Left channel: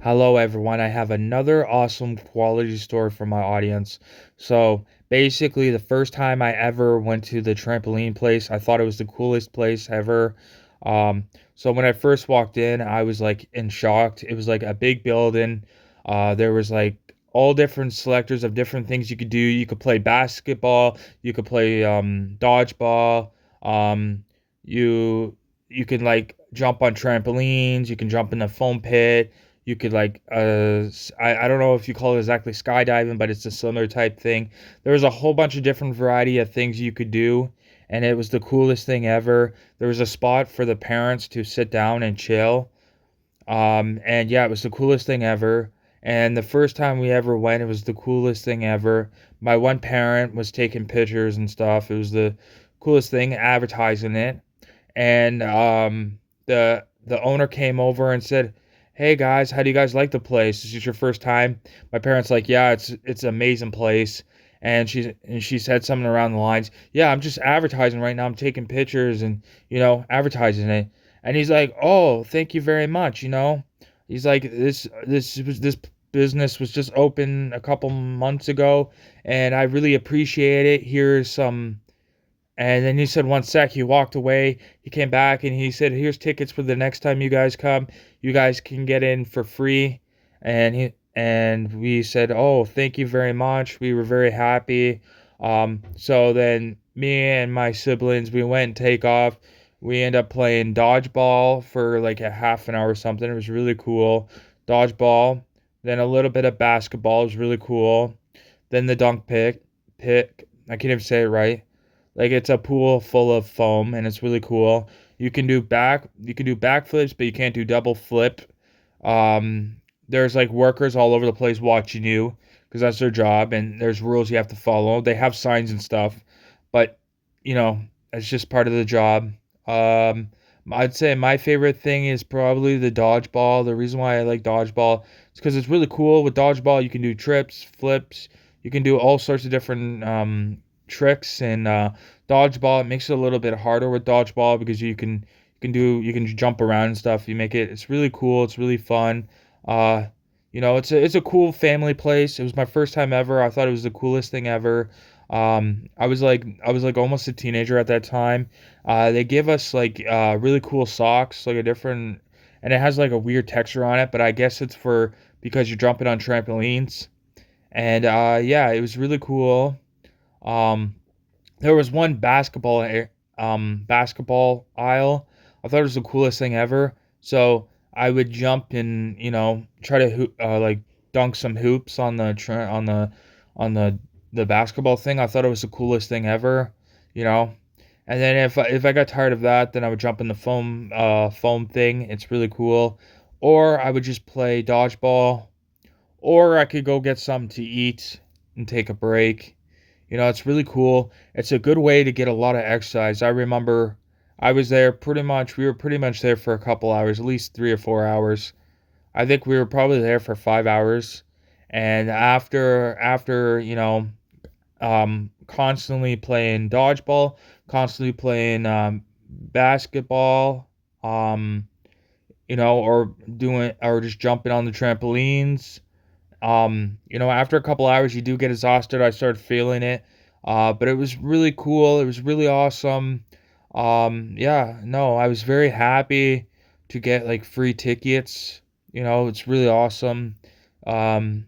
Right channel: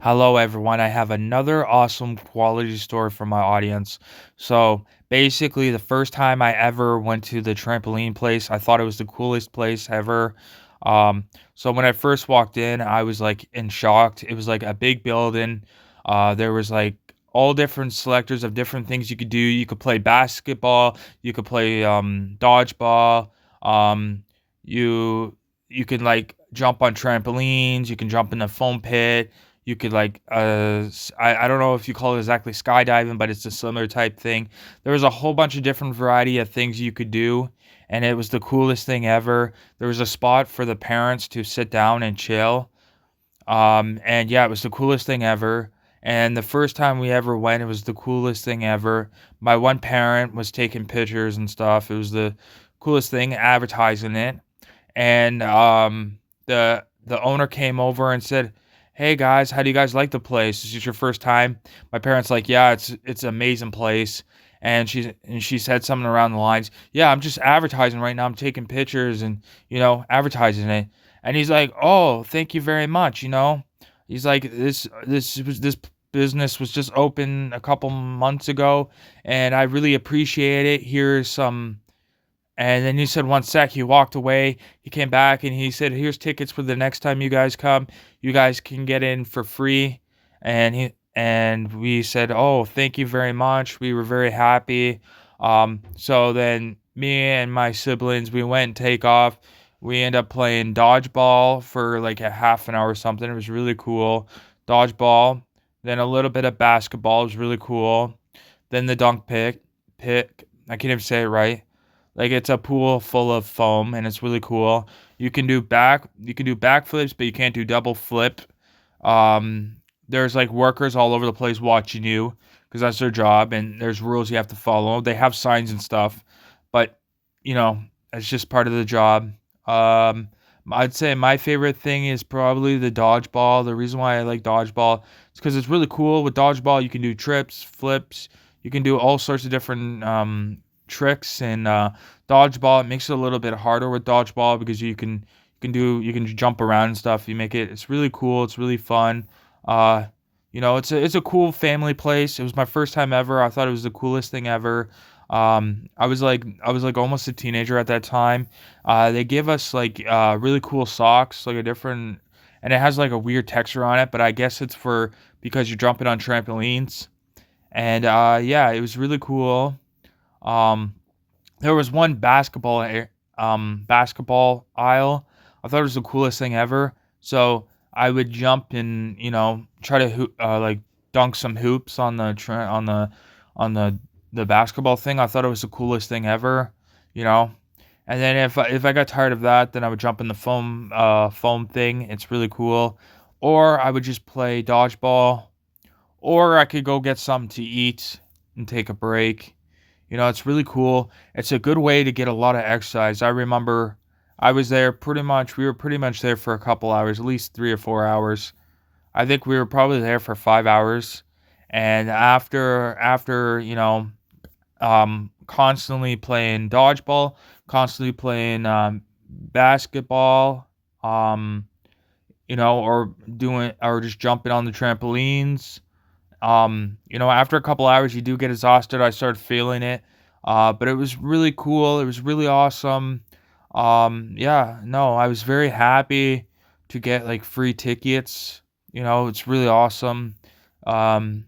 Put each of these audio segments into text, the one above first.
Hello, everyone. I have another awesome quality story for my audience. So, basically, the first time I ever went to the trampoline place, I thought it was the coolest place ever. So when I first walked in, I was like in shock. It was like a big building. There was like all different selectors of different things you could do. You could play basketball. You could play dodgeball. Um, you you can like jump on trampolines. You can jump in a foam pit. You could like I don't know if you call it exactly skydiving, but it's a similar type thing. There was a whole bunch of different variety of things you could do, and it was the coolest thing ever. There was a spot for the parents to sit down and chill. And yeah, it was the coolest thing ever. And the first time we ever went, it was the coolest thing ever. My one parent was taking pictures and stuff. It was the coolest thing, advertising it. And the owner came over and said, "Hey guys, how do you guys like the place? Is this your first time?" My parents like, "Yeah, it's an amazing place." And she said something around the lines, "Yeah, I'm just advertising right now. I'm taking pictures and advertising it." And he's like, "Oh, thank you very much." He's like, "This business was just open a couple months ago, and I really appreciate it. Here's some." And then he said, "One sec." He walked away. He came back and he said, "Here's tickets for the next time you guys come. You guys can get in for free." And we said, "Oh, thank you very much." We were very happy. So then me and my siblings, we went and take off. We end up playing dodgeball for like a half an hour or something. It was really cool. Dodgeball. Then a little bit of basketball. It was really cool. Then the dunk pick. I can't even say it right. Like it's a pool full of foam and it's really cool. You can do backflips, but you can't do double flip. There's like workers all over the place watching you because that's their job and there's rules you have to follow. They have signs and stuff, but you know, it's just part of the job. Um I'd say my favorite thing is probably the dodgeball. The reason why I like dodgeball is because it's really cool. With dodgeball, you can do trips, flips, you can do all sorts of different tricks and dodgeball. It makes it a little bit harder with dodgeball because you can jump around and stuff. It's really cool. It's really fun. Uh, it's a cool family place. It was my first time ever. I thought it was the coolest thing ever. I was like almost a teenager at that time. They gave us like really cool socks, like a different, and it has like a weird texture on it. But I guess it's for because you're jumping on trampolines. And yeah, it was really cool. Um, there was one basketball aisle. I thought it was the coolest thing ever. So I would jump and try to like dunk some hoops on the basketball thing. I thought it was the coolest thing ever. You know. And then if I got tired of that, then I would jump in the foam thing. It's really cool. Or I would just play dodgeball. Or I could go get something to eat and take a break. It's really cool. It's a good way to get a lot of exercise. I remember we were pretty much there for a couple hours, at least 3 or 4 hours. I think we were probably there for 5 hours. And after, constantly playing dodgeball, constantly playing basketball, um, or just jumping on the trampolines. After a couple hours, you do get exhausted. I started feeling it, but it was really cool. It was really awesome. Yeah, no, I was very happy to get like free tickets. It's really awesome. Um,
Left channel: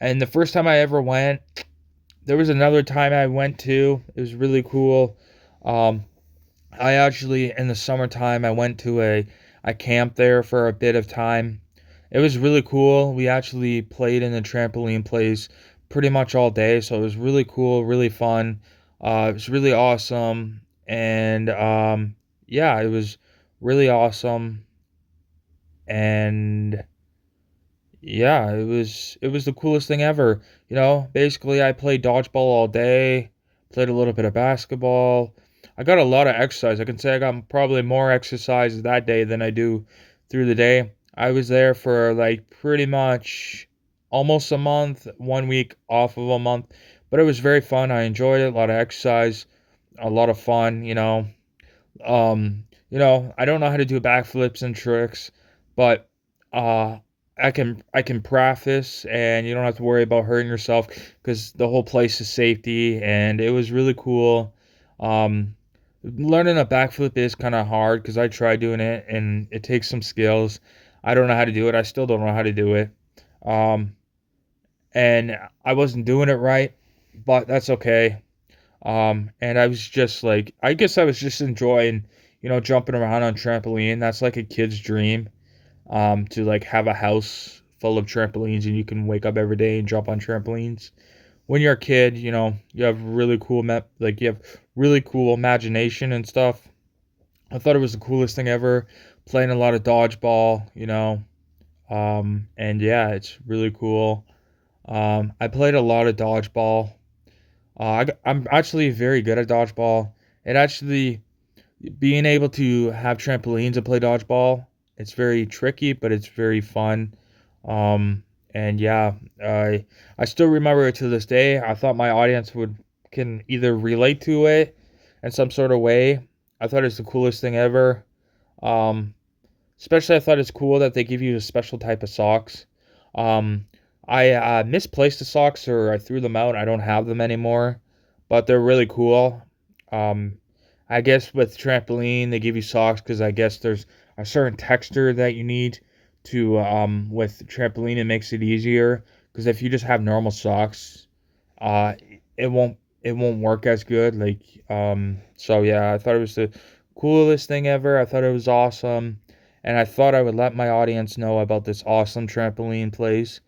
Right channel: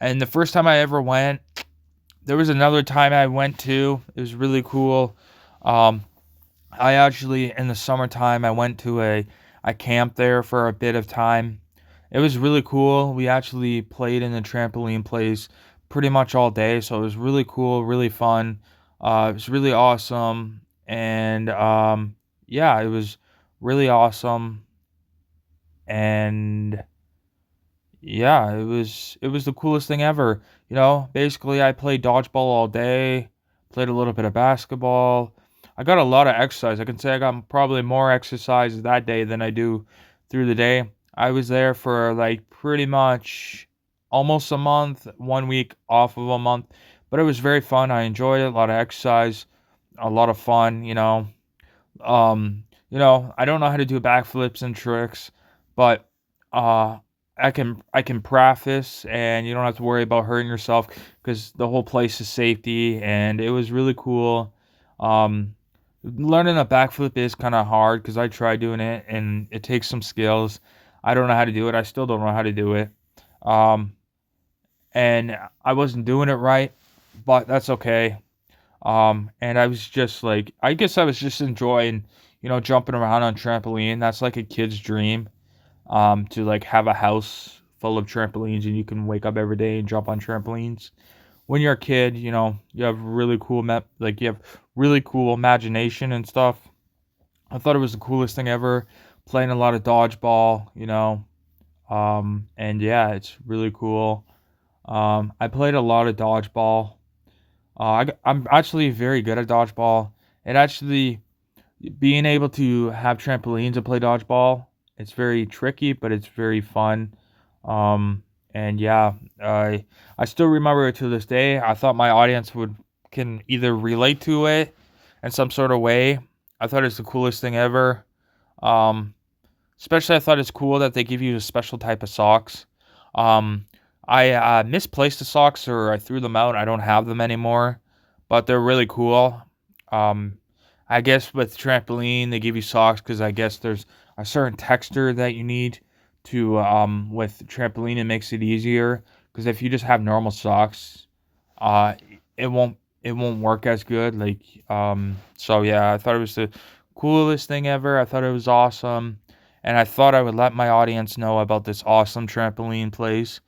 and the first time I ever went, there was another time I went to. It was really cool. Um, I actually in the summertime I went to a camp there for a bit of time. It was really cool. We actually played in the trampoline place pretty much all day, so it was really cool, really fun. It was really awesome, and yeah, it was really awesome, and yeah, it was the coolest thing ever. Basically, I played dodgeball all day, played a little bit of basketball. I got a lot of exercise. I can say I got probably more exercise that day than I do through the day. I was there for like pretty much almost a month, 1 week off of a month, but it was very fun. I enjoyed it. A lot of exercise, a lot of fun. I don't know how to do backflips and tricks, but uh I can preface, and you don't have to worry about hurting yourself because the whole place is safety, and it was really cool. Um, Learning a backflip is kind of hard because I tried doing it, and it takes some skills. I don't know how to do it. I still don't know how to do it. Um, and I wasn't doing it right, but that's okay. And I was just like, I guess I was just enjoying, jumping around on trampoline. That's like a kid's dream. To like have a house full of trampolines and you can wake up every day and jump on trampolines. When you're a kid, you have really cool like you have really cool imagination and stuff. I thought it was the coolest thing ever. Playing a lot of dodgeball. And yeah, it's really cool. I played a lot of dodgeball. I'm actually very good at dodgeball. It actually being able to have trampolines and play dodgeball, it's very tricky, but it's very fun. And yeah, I still remember it to this day. I thought my audience would can either relate to it in some sort of way. I thought it's the coolest thing ever. Um, Especially I thought it's cool that they give you a special type of socks. Um, I misplaced the socks or I threw them out. I don't have them anymore, but they're really cool. Um, I guess with trampoline they give you socks because I guess there's a certain texture that you need to with trampoline it makes it easier because if you just have normal socks, uh, it won't work as good. Like so yeah, I thought it was the coolest thing ever. I thought it was awesome, and I thought I would let my audience know about this awesome trampoline place.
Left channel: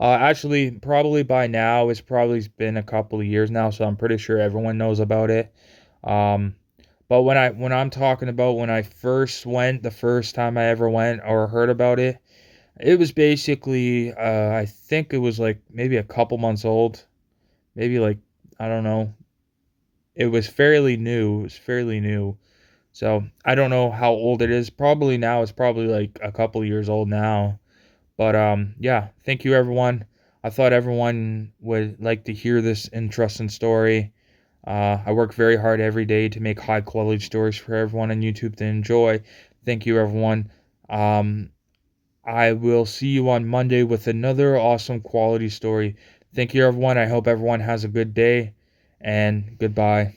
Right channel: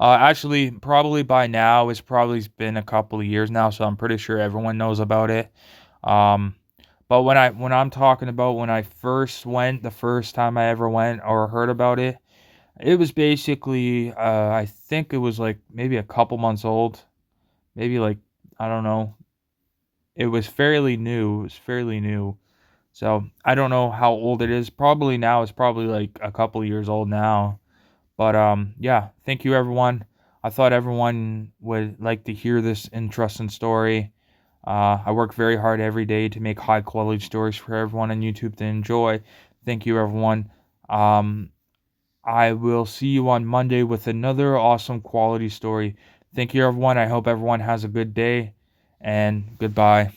Actually, probably by now it's probably been a couple of years now, so I'm pretty sure everyone knows about it. Um, but when I'm talking about when I first went, the first time I ever went or heard about it, it was basically I think it was like maybe a couple months old, maybe like I don't know. It was fairly new. It was fairly new. So I don't know how old it is. Probably now it's probably like a couple years old now. But yeah, thank you everyone. I thought everyone would like to hear this interesting story. I work very hard every day to make high quality stories for everyone on YouTube to enjoy. Thank you everyone. Um, I will see you on Monday with another awesome quality story. Thank you everyone. I hope everyone has a good day and goodbye.